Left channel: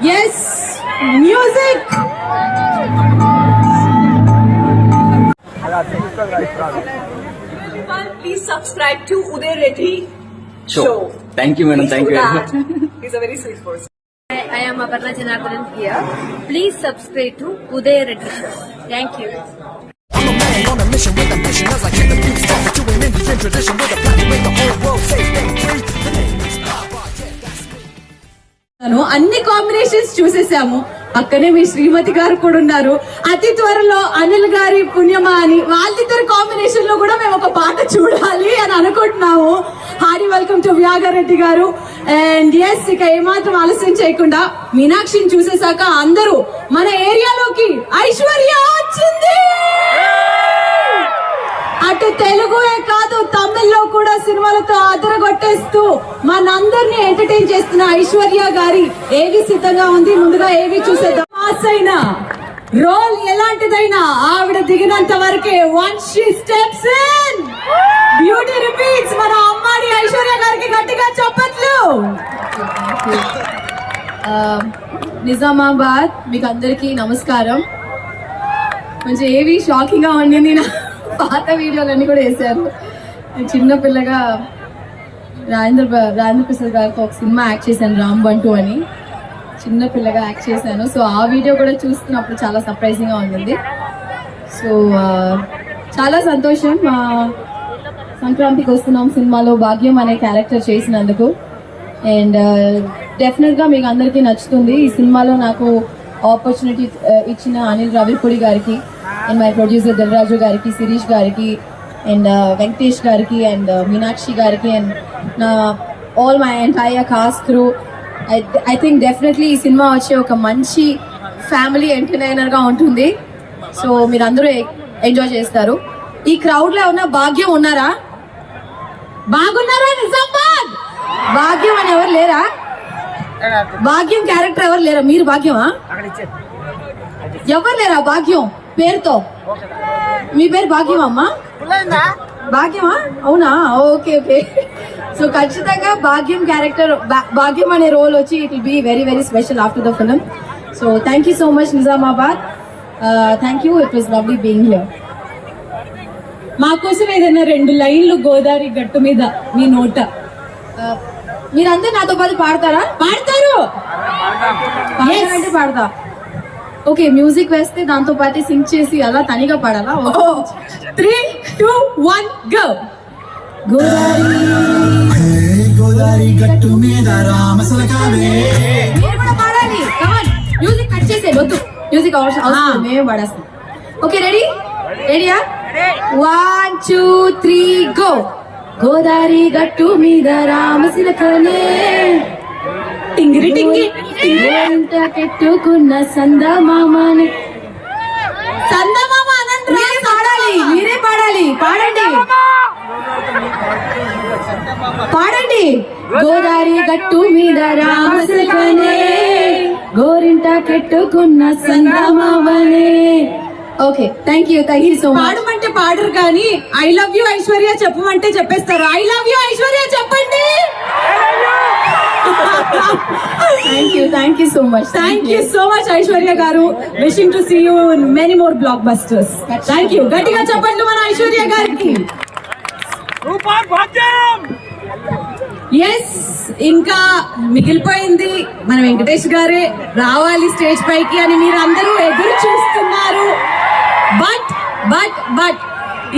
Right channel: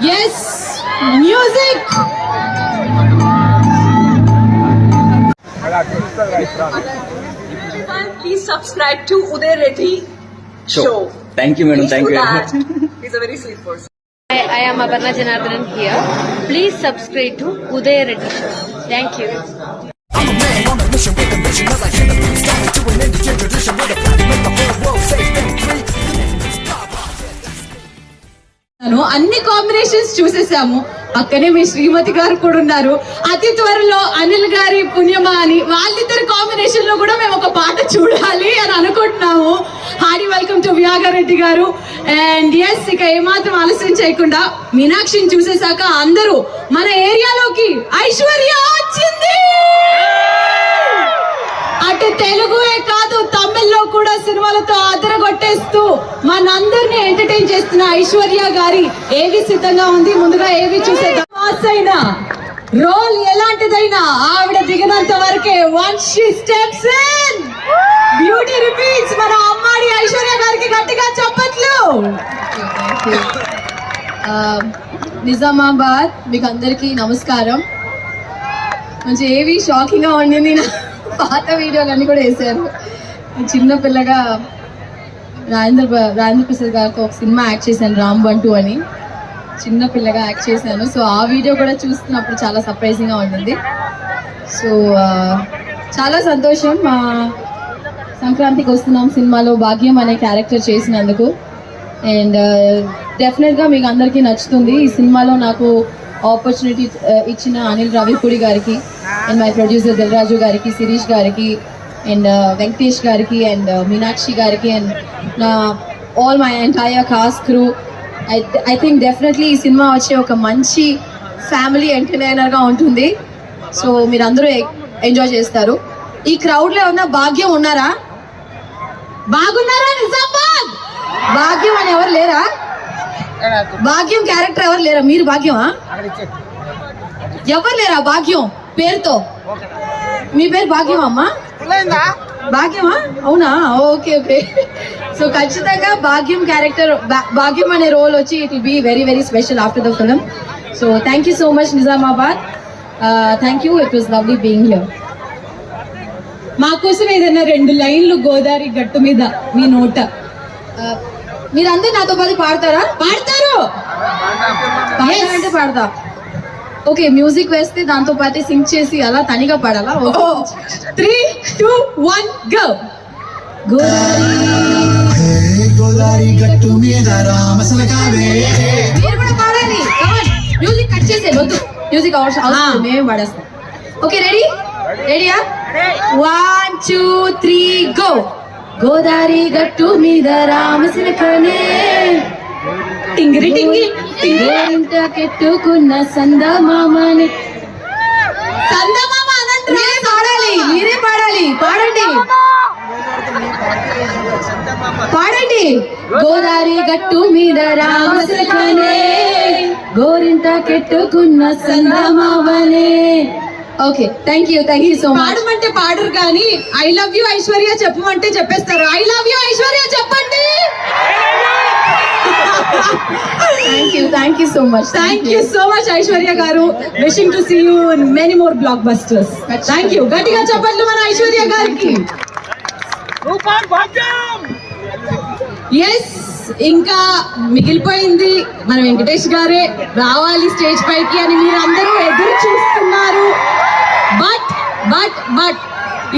Yes, music. Everyone, please subscribe to Uday Reddy Show. Thank you, madam. Thank you very much. He's a very sweet person. I am Aparna Janardhanan here. Please subscribe to Uday Reddy Show. Thank you. I'm a man on a mission with ambition as I hit the beat start doing Indian tradition with a plan to make the whole world safe and free. The name is Baba. అన్ని combinations చూసేసాము. పక్కనే మీ శ్రీమతి గారు కూడా ఉన్నారు. అతి త్వరలో అనిల్ గారి పుణ్యమా అని వాళ్ళిద్దరు కాంబినేషన్ లో కూడా మేము ఒక పాట చూడాలి అని అనుకుంటున్నాము. హార్డీ వెల్కమ్ టు వ్యాగారెడ్డి గారు. అండ్ ఎస్, ఇక ఏమాత్రం ఆలస్యం చేయకుండా మీనాక్షిని చూసేశాక అందరూ మన ఏరియాలోకి ఐశ్వర్య వచ్చింది. అటు తెలుగుయే కాదు తమిళ్లో కూడా సినిమాలతో అదరగొట్టేస్తూ మనందరినీ ఎంటర్టైన్ చేస్తున్న ఐశ్వర్య గారి ఏవి సిద్ధంగా ఉంది. ముందుగా ఏవి చూసేద్దాం. పాస్ అయినా రోల్ ఎలాంటిదైనా ఆవిడ దిగినంత వరకే once she steps in beauty repeats. మన అమ్మాడి ఐశ్వర్య గారికి గట్టిగా చప్పట్లు. నిజామాబాద్ మీకు అందరికీ నమస్కారం. కొంచెం ఏవి షాకింగ్ గా ఉండింది. పాత వీడియోలన్నీ కూడా వేసారు. చిన్నపిల్లగా రాజేంద్ర ప్రసాద్ గారితో ఒక సినిమా యాక్ట్ చేశాను, రాంబంటూ అని. చిన్నపిల్లగా యాక్ట్ చేశాను. సో ఆ వీడియో కూడా చూస్తున్నప్పుడు చాలా సర్ప్రైజింగ్గా ఉంటుంది. సో చాలా సంతోషం. సంక్రాంతికి వస్తున్నాం సినిమాలో భాగ్యం అనే క్యారెక్టర్ చేసినందుకు. అండ్ డెఫినెట్గా మీకు అందరికీ నచ్చుతుంది. ఈ సినిమాలో నాకు ఆపర్చునిటీ ఇచ్చిన అనిల్ రావిపూడి గారికి అండ్ మై ప్రొడ్యూసర్ దిల్రాజు గారికి, శిరీష్ గారికి అండ్ వెంకటేష్ గారికి అండ్ మీనాక్షి గారికి అండ్ నా all my entire cost crew. I think definitely ఈ సినిమా వచ్చే ఒక మంచి ఫ్యామిలీ ఎంటర్టైనర్గా ఉంటుంది. సో మీరు అందరూ ఎంజాయ్ చేస్తారు. ఈ క్రౌడ్లో ఉన్న భాగ్యం ఉన్నారా? బాగున్నారా? నిజామాబాద్ భాగ్యం అని ఎవరు లేరా? భాగ్యం క్యారెక్టర్ ఎవరు లేరా? మీరు భాగ్యమా? ఎవరు లేరా భాగ్యం పేరుతో? మీ పేరు భాగ్యమా అమ్మా? భాగ్యమా? అవునా? Okay okay. సో ఖచ్చితంగా భాగ్యం క్యారెక్టర్, భాగ్యం అనే రోల్ వచ్చి it will be very very special after the film. So thank you so much Nizamabad. Thank you. It was lovely being here. మా కోసం ఏదైనా 2 లైన్లు గోదావరి గట్టు మీద మీ నోట. మీరందరూ నాతో పాటు పాడతారా? పాడతారు అంటే పాడతా. ఓకే, మ్యూజిక్ వేస్తే దాంతో పాటు సింగ్ చేసి అలా తనిగా పాడాలా? 3, 2, 1 గో. గోదావరి గట్టు మీద రామసలకావే. మీరు కూడా పాడాలి. మ్యూజిక్ కట్ చేసే వద్దు, మ్యూజిక్ అవసరం మేము పాడేస్తాం. Okay, ready? రెడీయా? 1, 2, 3 గో. గోదావరి గట్టు మీద రామసిలకనే టింగిరి టింగి ఇంత కెట్టుకున్న సందమామని. సందమామ మీరే పాడాలి, మీరే పాడాలి. పాడండి పాడండి. గోదావరి గట్టు మీద రామసిలకనే గోరింట కెట్టుకున్న సందమామనే. Okay, thank you so much. పాడమంటే పాడరు కానీ ఐ లవ్ యూ ఐశ్వర్య చెప్పమంటే చెప్పేస్తారు. ఐ లవ్ యూ ఐశ్వర్య చెప్పండి. Thank you so much. Thank you so much Aishwarya garu. Wishing to see you in many more blockbusters. Thank you. గట్టిగా చెప్పండి మన ఐశ్వర్య గారికి. ఎస్, ఇంకా మిగిలిపోయింది మన వెంకటేష్ గారే రావాలి స్టేజ్ పైకి అని మీరు అందరూ ఎదురు చూస్తున్నారు. బట్ బట్ బట్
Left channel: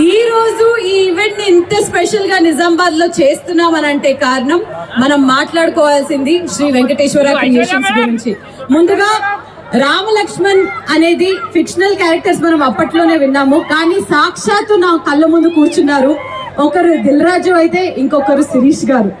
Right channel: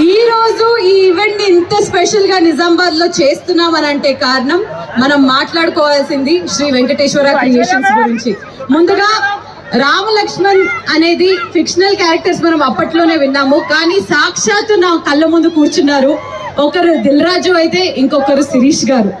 ఈ రోజు ఈ ఈవెంట్ ఇంత స్పెషల్ గా నిజామాబాద్ లో చేస్తున్నామనంటే కారణం మనం మాట్లాడుకోవాల్సింది శ్రీ వెంకటేశ్వర క్రియేషన్స్ గురించి. ముందుగా రామలక్ష్మణ్ అనేది ఫిక్షనల్ క్యారెక్టర్స్ మనం అప్పట్లోనే విన్నాము, కానీ సాక్షాత్తు నా కళ్ళ ముందు కూర్చున్నారు. ఒకరు దిల్రాజు అయితే ఇంకొకరు శిరీష్ గారు.